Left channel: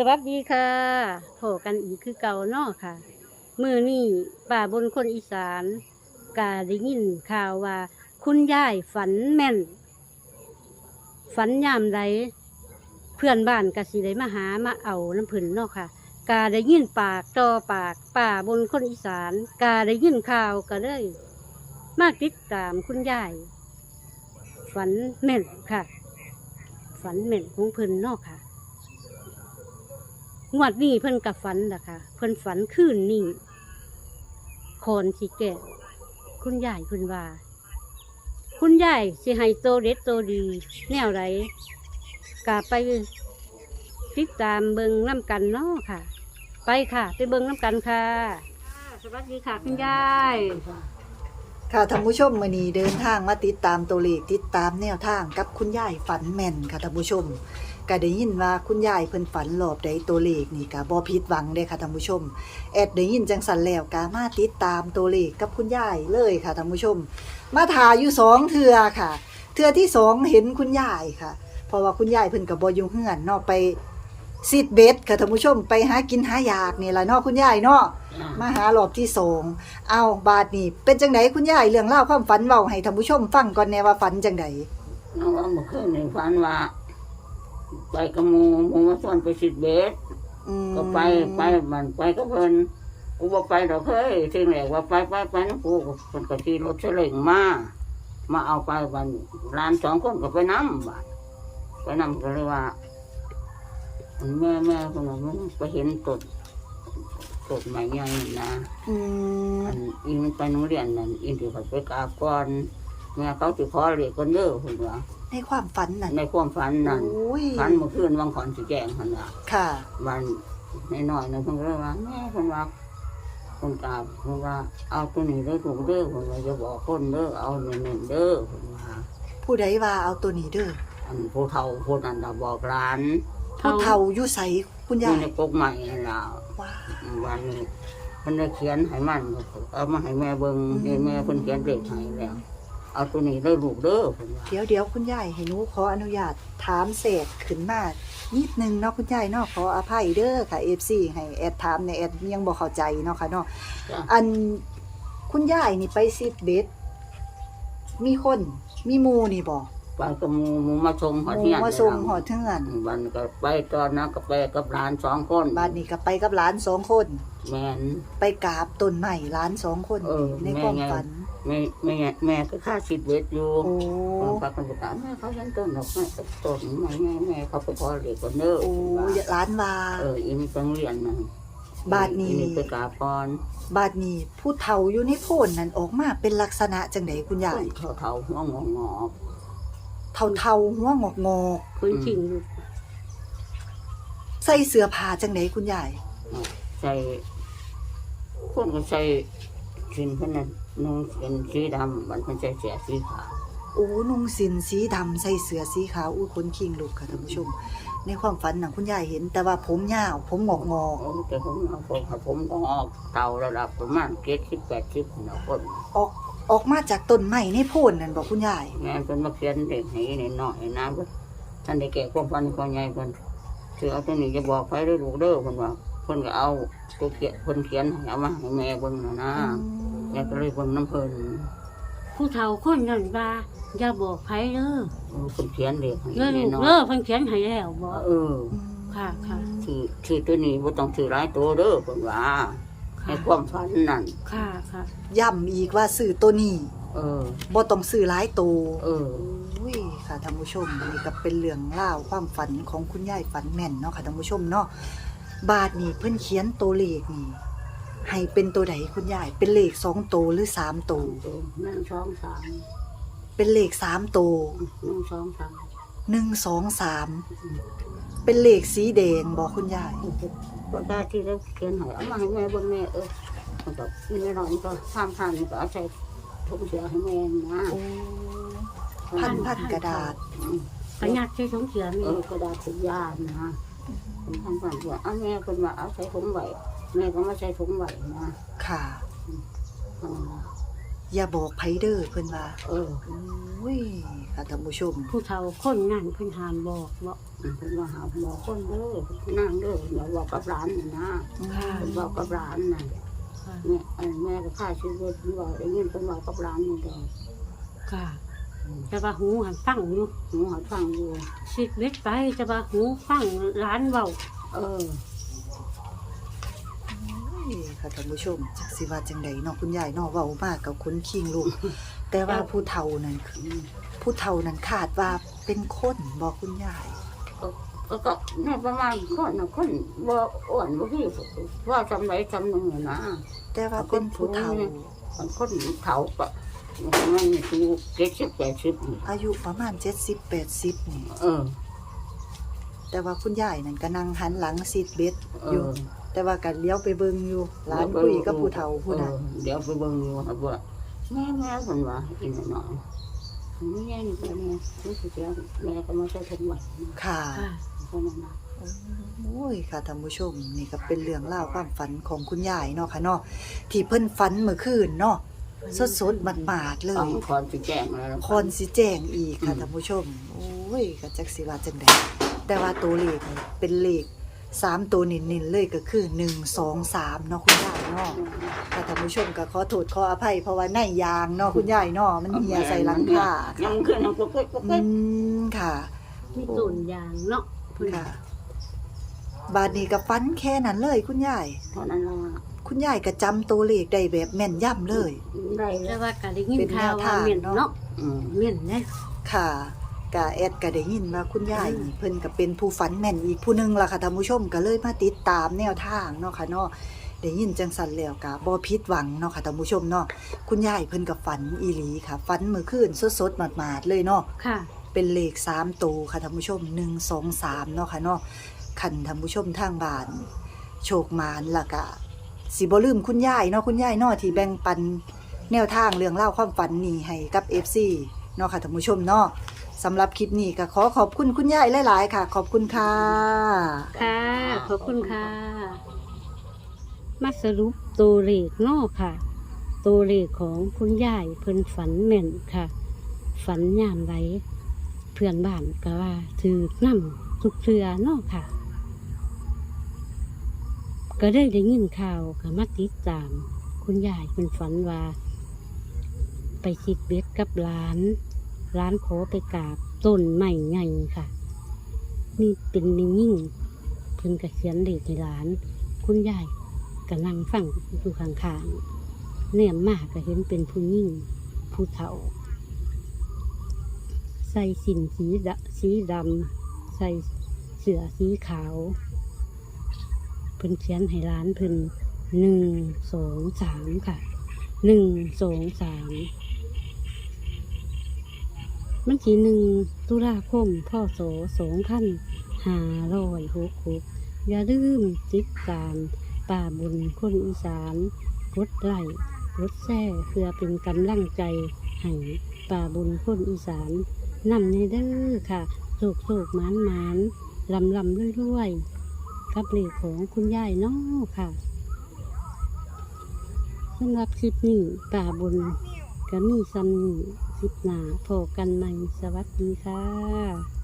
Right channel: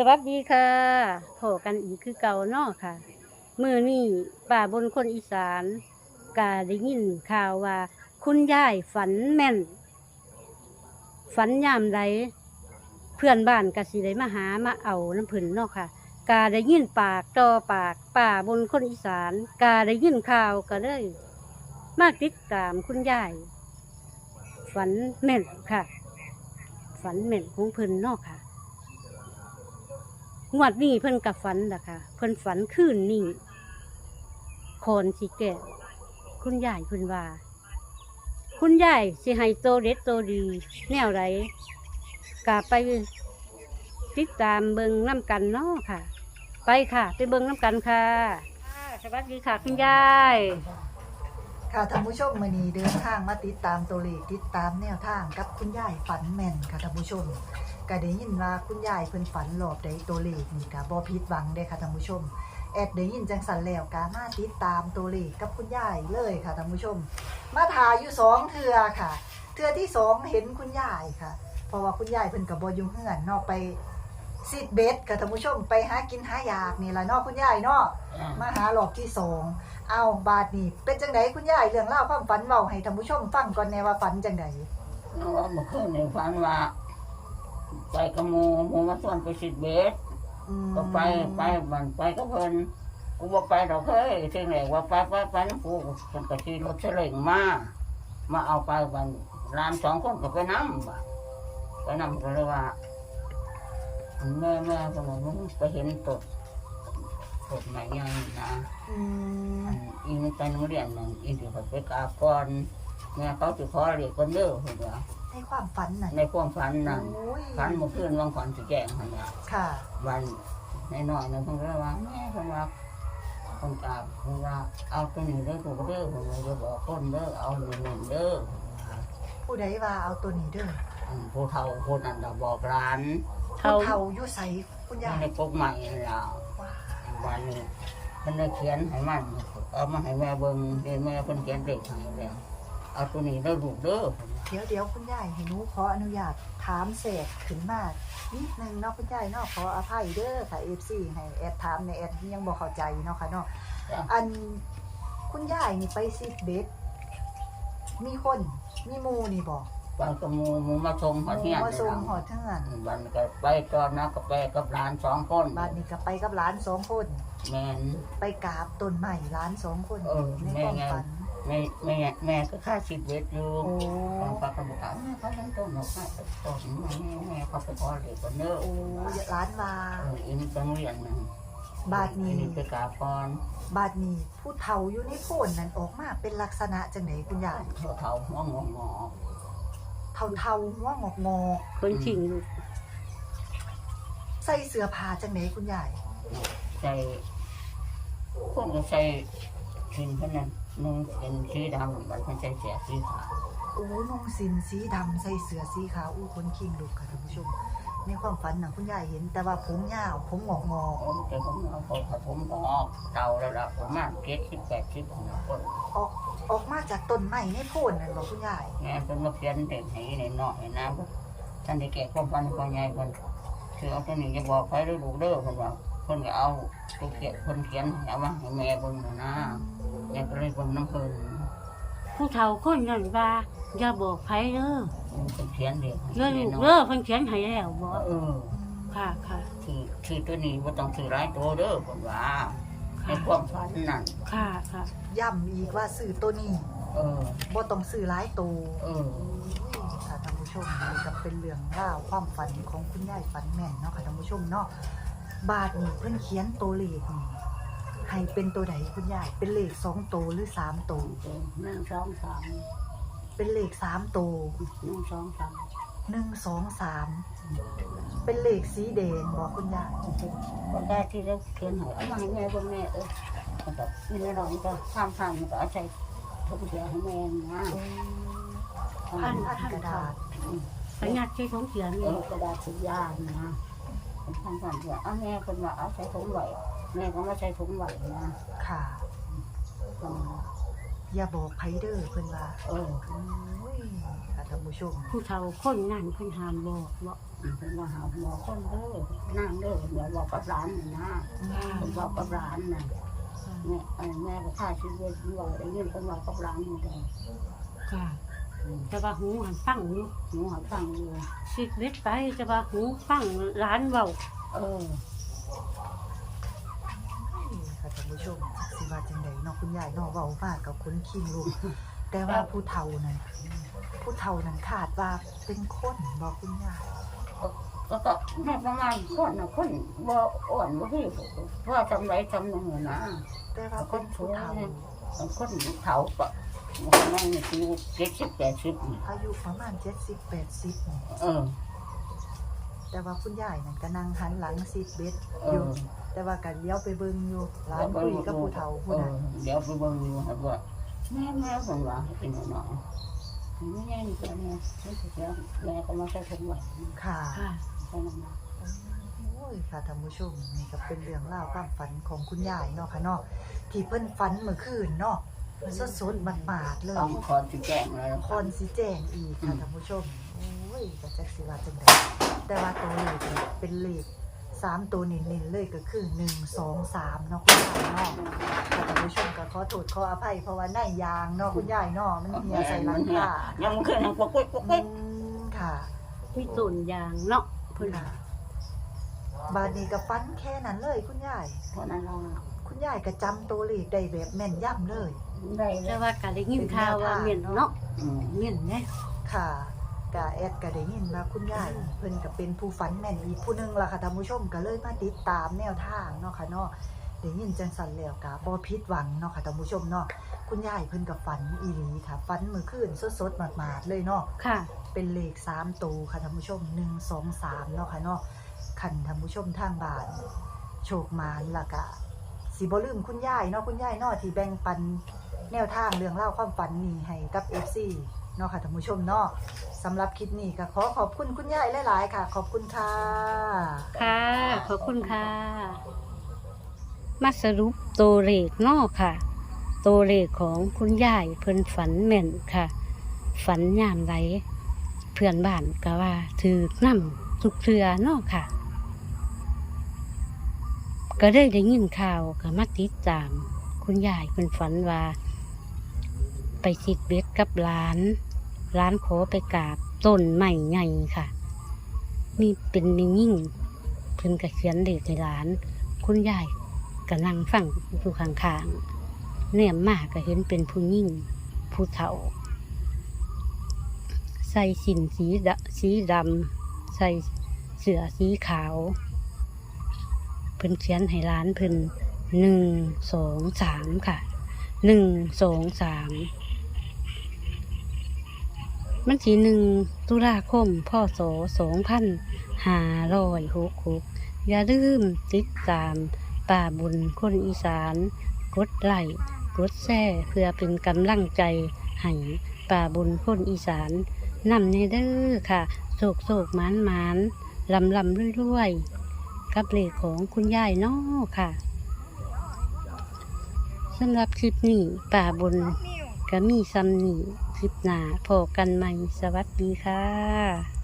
สวัสดีค่ะโผกันอีกคือเก่าเนาะค่ะ มือนี่ป่าบนคนอีสานกาได้ยินข่าวว่า คุณยายฝันแม่น ฝันยามใดเพื่อนบ้านกสิได้มาหามาเอาน้ำผึ้นเนาะค่ะ กาได้ยินปากต่อปากป่าบนคนอีสาน กาได้ยินข่าวก็เลยมาติดตามคุณยายฝันแม่นค่ะ ฝันแม่นของเพิ่นเนาะค่ะ งวดนี้เพิ่นกับฝันล่ะค่ะเพิ่นฝันคืนนี้คอนสิแก่คุณยายเพิ่นว่า คุณยายสิให้โตเด็ดโตดี แนวไรกะไปติดตามเบิงน้ำกันเนาะค่ะ ไปค่ะ ไปเบิงน้ำกันค่ะ สวัสดีค่ะ คุณยาย ค่ะท่านผู้ชมมือนี้เดินทางมาติดตามตัวเลขติดตามแนวทางกับคุณยายฝันแม่นค่ะท่านผู้ชม ก็ได้ยินว่าคุณยายเพิ่นฝันหลอบใดตัวเลขนี่ก็บ่ผิดหวังเด้ค่ะท่านผู้ชม แอดได้ยินจังสันแล้วก็มาติดตามตัวเลขกับคุณยายเลยค่ะท่านผู้ชม มาถ่ายอยู่สองเทื่อค่ะ เทื่อที่สองเห็นคุณยายค่ะ เพราะว่าคุณยายเพิ่นก็บ่อยู่เฮือนเนาะไปซิดเบ็ดค่ะท่านผู้ชมไปหากินหายากนี่ล่ะเนาะคุณยายเนาะมาหารอบที่สองเอาบาทนี่เป็นจังไดคุณยายเรื่องเล่าวความฝันเว้าให้ท่านผู้ชมฟังก่อนแน่ว่าฝันจังไดน้องว่าเมื่อคืนในฝันว่า ไปกับหมูหมูมาส่วนไปสิบเบสอืมก็ไปไปมันไปก็เพิ่นกูบอกไปดอกเฮ้ยสิ่งแรกว่าไปไปไปนะกูเพิ่นก็ขี่รถเฉลงมามาเอาไปวันร้านสองคนก็ไปน้ำบาดไปน้ำก็เลยว่าแม่แม่คนนั้นมึงไปเห็นตดตดใหม่ยังนะ อืมอันอีมันไปโรงเรียนนั่นอีที่เขาไปกราบก่อนแม่เขาติขอเรียกคนเด้อเพิ่นว่า ในความฝันน่ะในความฝันนั่นโอ้ยฝันเมื่อคืนวังขอนสีแกงหันละค่ะ วันน้อยๆนะเพิ่นก็เลยว่าแม่เพิ่นว่าคนกราบเพิ่นว่าเอาตัวนี้เด้อถูกเด้อเพิ่นว่าจะบอกคนเด้อเอาหนึ่งๆเด้อเพิ่นว่าผู้ใดว่าเอาตัวนี้เด้ออันผู้เฒ่าผู้นั้นน่ะบอกร้านผู้เท่าเฒ่าอยู่ไสคุณอยายู่ยในกกใหม่นั่นล่ะว้าวันนี้เพิ่นได้เขียนให้มันเอามาให้แม่เบิ่งนี่แม่เพิ่นเขียนเลขให้แล้ว เอาตัวนี้ได้ลูกเด้อเพิ่นว่าเดี๋ยวเดี๋ยวคุณยายให้หนูขออนุญาตถามเศษขึ้นมานิดนึงเนาะคุณยายเนาะขออภัยเด้อค่ะ FC ให้แอดถามในแอดยังบ่เข้าใจเนาะค่ะเนาะจ้ะอันคุณยายนี่ไปซิดเบ็ดมีคนมีหมูนี่บอกไปกับหมู่หมู่มาชมหอเทียนมาส่งหอเทือนวันก็ไปตอนนั้นก็ไปกับหลานสองคนบ้านนี้ก็ไปกับหลานสองคน แม่นไปกราบต้นใหม่หลานสองคนเออในความแม่ไงฝัน แม่แม่แม่ก็ค่าสิบเวทอยู่โอ้บางพักมันก็ถามแม่เขายังต้นหนกแม่ต้นมาแม่แม่เขาไปขอเด็กคนเด้อโอ้ว่าหลานว่าเอออินไปโรงเรียนนั่นบาทนี้อิไปกราบก่อนบาดนี้ผู้เฒ่าอยู่ในโพนนั้นออกมาเป็นลักษณะจังไดคุณยายเท่าเท่าหัวงองอเฒ่าเฒ่าๆหัวงอกงอกคนชิงลูกๆใส่เสื้อผ้าจังไดคุณยายใส่คนก็ใส่ชิ้นเพื่นนั้น นุ่งเป็นสีดำมันเป็นใส่เสียสีขาวโอ้นุ่งสินสีดำใส่เสื้อสีขาวอู้คนคิงลูกค่ะท่านผู้ชม ในความฝันน่ะคุณยายเห็น แต่ว่าผมยาวผมงอกงอกโอ้แต่ผมเอาผมผมก็ออกเท่าระดับประมาณเจ็ดสิบแปดสิบนะคนๆออกออกมาจากต้นไม้ในโพนนั่นบอกคุณยายแม่เป็นมาเขียนเด็กให้ในน้อยนะก็ท่านได้แก่ความฝันความใหญ่คนคือเอาตัวนี้จะบอกใครได้ลูกเด้อคนว่าคนก็เอาตัวเขียนคนเขียนให้เอามาให้แม่เบิ่งนะนะแม่ ก็เลยเบิ่งน้ำเพลินผู้เฒ่าคนนั้นว่าอย่าบอกไผเด้อเออคนเขียนเด็กให้เด้อลูกน้เด้ออยเพิ่นเขียนให้แล้วบ่เออค่ะค่ะคือคือตัวนี้ว่าต้องถือหลายตัวเด้อคนว่าในค่ะความฝันนั่นค่ะค่ะย้ำอีกว่าซื้อตัวนี้เออบ่ต้องซื้อหลายตัวเอออุ้ยค่ะท่านผู้ชมนี่ก็เป็นเรื่องเล่าวความฝันของคุณยายฝันแม่นเนาะค่ะท่านผู้ชมเนาะบาทนี่เพิ่นเขียนตัวเลขนี่ ให้เป็นตัวใดคุณยาย เป็นเลขสองตัวหรือสามตัวตัวนั่งสองสามเป็นเลขสามตัวนั่งสองสามหนึ่งสองสามเป็นเลขสีแดงบอกคุณยายก็ได้ที่เราเขียนให้เอามาให้แม่เบิ่งแม่เออมันก็มีในน้อยมันก็ห้ามพันมันก็เอาใส่ทุกเสียให้แม่นะพันพันกระดาษประหยัดใช้ท้องเสียเอนี่อกระดาษสุดยานะเป็นพันพันเสียเอาแม่คนว่าเอาใส่ถุงไหว แม่ก็มาใส่ถุงไหวนะค่ะ คนนั้นว่าอย่าบอกไผเด้อเพิ่นว่าเออโอ้ยค่ะท่านผู้ชม ผู้เฒ่าคนนั้นเพิ่นหามบอกบ่เพิ่นว่าหาหมอคนเด้อนั่งเด้อเพิ่นว่าบอกกับร้านนี่นะค่ะ เพิ่นบอกกับร้านน่ะค่ะ แม่อันแม่ก็ค่าชีวิตเพิ่นว่าได้ยินเพิ่นบอกกับร้านนี่เด้อค่ะแต่ว่าหูหันฟังอยู่หนูหาฟังอยู่สิเล็ดไปแต่ว่าหูฟังร้านเว้าเออโอ้ยค่ะ ท่านผู้ชมจักสิว่าจังไดเนาะคุณยายเนาะเว้ามากกับคนคิงลูก แต่ว่าผู้เฒ่านั่นคือผู้เฒ่านั้นคาดว่าเป็นคนบอกคุณยายก็ก็แม่ประมาณคนน่ะคนบ่อ้วนบ่พี่ว่าจำไรจำหนึงน่ะนะ แต่ว่าเป็นผู้เฒ่าบางคนเขาปะคนนั้นนี่คือเจ็ดสิบแปดสิบนี่อายุประมาณ70 80นี่เออ แต่ว่าคุณยายนั่นก็นั่งหันหลังซีดเบ็ดเออยู่อ แต่ว่าก็เลี้ยวไปเบิ่งอยู่หลานไปคุยกับผู้เฒ่าเอผู้นั้นอเดี๋ยวไปเบิ่งอยู่ครับว่าแม่แม่คนว่าอีกหน่อยไม่ใช่นี่แม่ไม่ใช่แล้วแม่ก็มาใส่ถุงไว้ค่ะค่ะก็นั่นนะโอ้ยค่ะท่านผู้ชมนี่ก็เป็นเรื่องเล่าวความฝันของคุณยายเนาะค่ะเนาะที่เพิ่นฝันเมื่อคืนเนาะสดๆหมาดๆเลต้องยคอนสิแจ้งแล้วคอนสิแจ้งอีกค่ะอืมท่านผู้ชมโอ้ยก็จักสิว่าจังไดแต่ว่าตัวเลขนี่เป็นเลข สามตัวเน้นๆเลยก็คือหนึ่งสองสามเนาะคุณยายเนาะค่ะท่านผู้ชมก็ขอโทษขออภัยเพราะว่าในยางเนาะคุณยายเนาะมันเหี่ยใส่หลังคายังขึ้นยังปกปิดปกอืปิดมค่ะมีต้นยางเนาะเพิ่นค่ะบาดนี้ก็ฟันแค่นั้นเลยคุณยาย เท่านั้นละคุณยายก็จำตัวเลขได้แบบแม่นย่ำเลย ได้แต่แล้วว่าก็ได้ยินข่าวว่าเป็นแนวทางเม่นเนาะอืมเม่นเด้ค่ะ กะแอดก็ได้ยินว่าคุณยายนี่เพิ่นก็เป็นผู้ฝันแม่นอีกผู้หนึงล่ะค่ะท่านผู้ชมก็เลยมาติดตามแนวทางเนาะค่ะเนาะได้ยินจังสันแล้วก็บ่ผิดหวังเนาะค่ะท่านผู้ชมเนาะคุณยายเพิ่นก็ฝันอีหลีค่ะฝันเมื่อคืนสดๆหมาดๆเลยเนาะ ค่ะ เป็นเลข3ตัวค่ะท่านผู้ชม1 2 3เนาะค่ะเนาะคันท่านผู้ชมทางบ้าน โชคมานล่ะก็สิบ่ลืมคุณยายเนาะคุณยายเนาะที่แบ่งปันแนวทางเรื่องเล่าวความฝันนี้ให้กับ FC เนาะค่ะท่านผู้ชมเนาะ สำหรับคลิปนี้ก็ขอขอบคุณคุณยายหลาย ๆ ค่ะ ขอบคุณค่ะ ค่ะ ขอบคุณค่ะ มาสรุปตัวเลขเนอกค่ะ ตัวเลขของคุณยายเพิ่นฝันแม่นค่ะ ฝันยามไรเพื่อนบ้านก็ว่าถือน้ำทุกเทือเนอกค่ะ ก็ได้ได้ยินข่าวก็มาติดตาม คุณยายเพิ่นฝันว่า ไปชิดเบ็ดกับร้าน ร้านขอไปกราบต้นใหม่ใหญ่ค่ะ มีเป็นมิยิ่งเพิ่นก็เขียนเลขในร้าน คุณยายก็นั่งฟังอยู่ข้างๆเนี่ยมากก็เห็นเป็นผู้ยิ่งผู้เฒ่า ใส่สินสีดำสีดำใส่เสื้อสีขาว เพิ่นเขียนให้ร้านเพิ่นหนึ่งสองสามค่ะหนึ่งสองสาม มันทีหนึ่งตุลาคมพศสสองพันหาร้อยหกหกอย่าลืมติดตามป่าบุญคนอีสาน กดไลค์กดแชร์เพื่อเป็นกำลังใจให้ป่าบุญคนอีสานนำในเด้อค่ะโศกโศกหมานหมานลำลำรวยรวยๆกับเลขของคุณยายนาะค่ะสำหรับคลิปนี้ป่าบนก็มีซ้ำนี่ คลิปหนาพบกันใหม่ สวัสดีค่ะ